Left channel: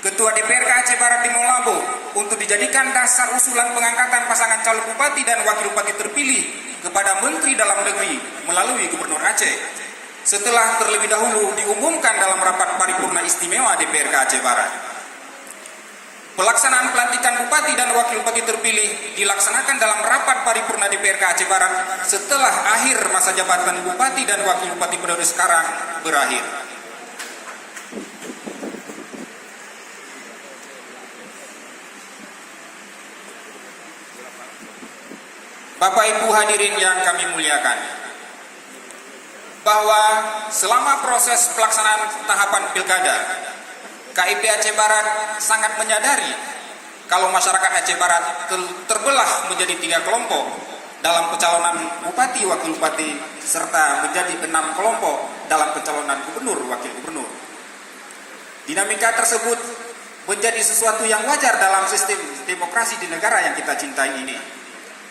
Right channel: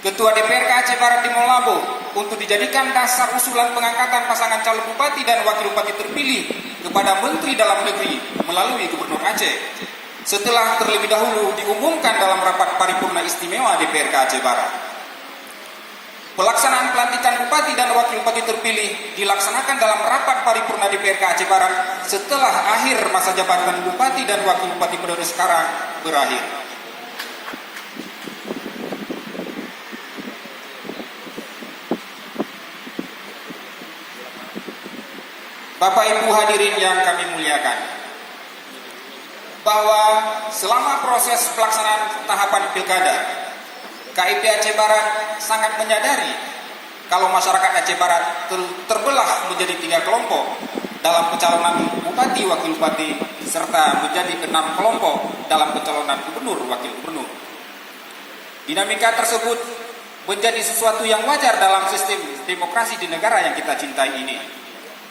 Ketua DPRK Aceh Barat di Molabo untuk dijadikan dasar usulan pengangkatan pasangan calon bupati dan wakil bupati terpilih kepada Menteri Dalam Negeri melalui Gubernur Aceh setelah terlebih dahulu diumumkan dalam rapat paripurna istimewa DPRK Aceh Barat. Pelaksanaan pelantikan bupati dan wakil bupati terpilih dilaksanakan dalam rapat paripurna DPRK Aceh Barat setelah akhir masa jabatan bupati dan wakil bupati periode sekarang berakhir. Bapak Ibu hadirin yang kami muliakan, bahwa selama proses pelaksanaan tahapan pilkada, KIP Aceh Barat sangat menyadari kalau masyarakat Aceh Barat terbelah menjadi 3 kelompok dalam pencalonan bupati, wakil bupati, serta menjadi 6 kelompok dalam pencalonan gubernur, wakil gubernur. Dinamika tersebut menjadi sesuatu yang wajar dalam sistem demokrasi di negara yang kita cintai ini.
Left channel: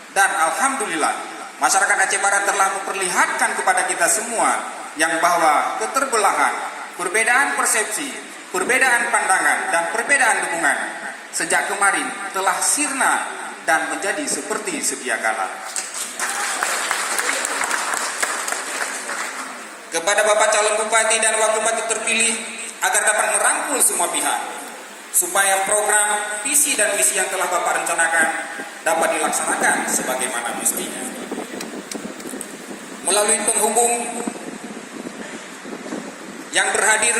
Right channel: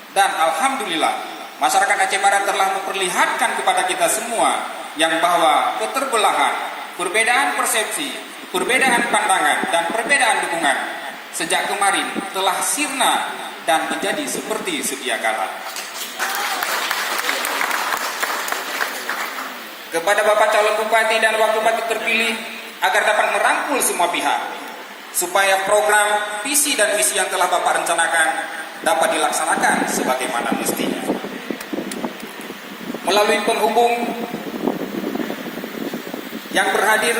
Dan alhamdulillah, masyarakat Aceh Barat telah memperlihatkan kepada kita semua yang bahwa keterbelahan, perbedaan persepsi, perbedaan pandangan, dan perbedaan dukungan sejak kemarin telah sirna dan menjadi seperti sedia kala. Kepada Bapak calon bupati dan wakil bupati terpilih agar dapat merangkul semua pihak, supaya program, visi dan misi yang telah Bapak rencanakan dapat dilaksanakan sebagaimana mestinya. Melalui penghubung yang berhadir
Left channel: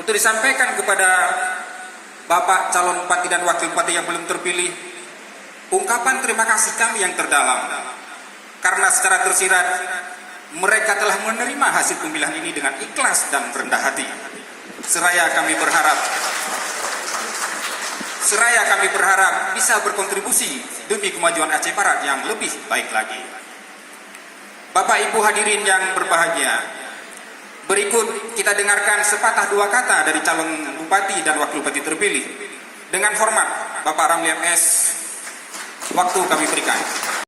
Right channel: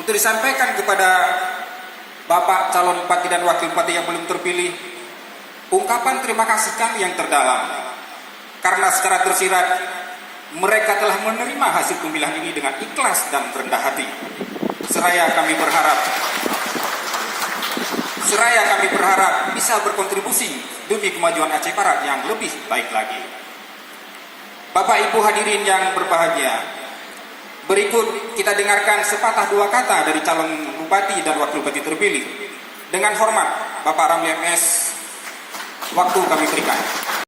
untuk disampaikan kepada Bapak calon bupati dan wakil bupati yang belum terpilih, ungkapan terima kasih kami yang terdalam, karena secara tersirat mereka telah menerima hasil pemilihan ini dengan ikhlas dan rendah hati. Seraya kami berharap bisa berkontribusi demi kemajuan Aceh Barat yang lebih baik lagi. Bapak Ibu hadirin yang berbahagia, berikut kita dengarkan sepatah dua kata dari calon bupati dan wakil bupati terpilih. Dengan hormat, Bapak Ramlian S, waktu kami berikan.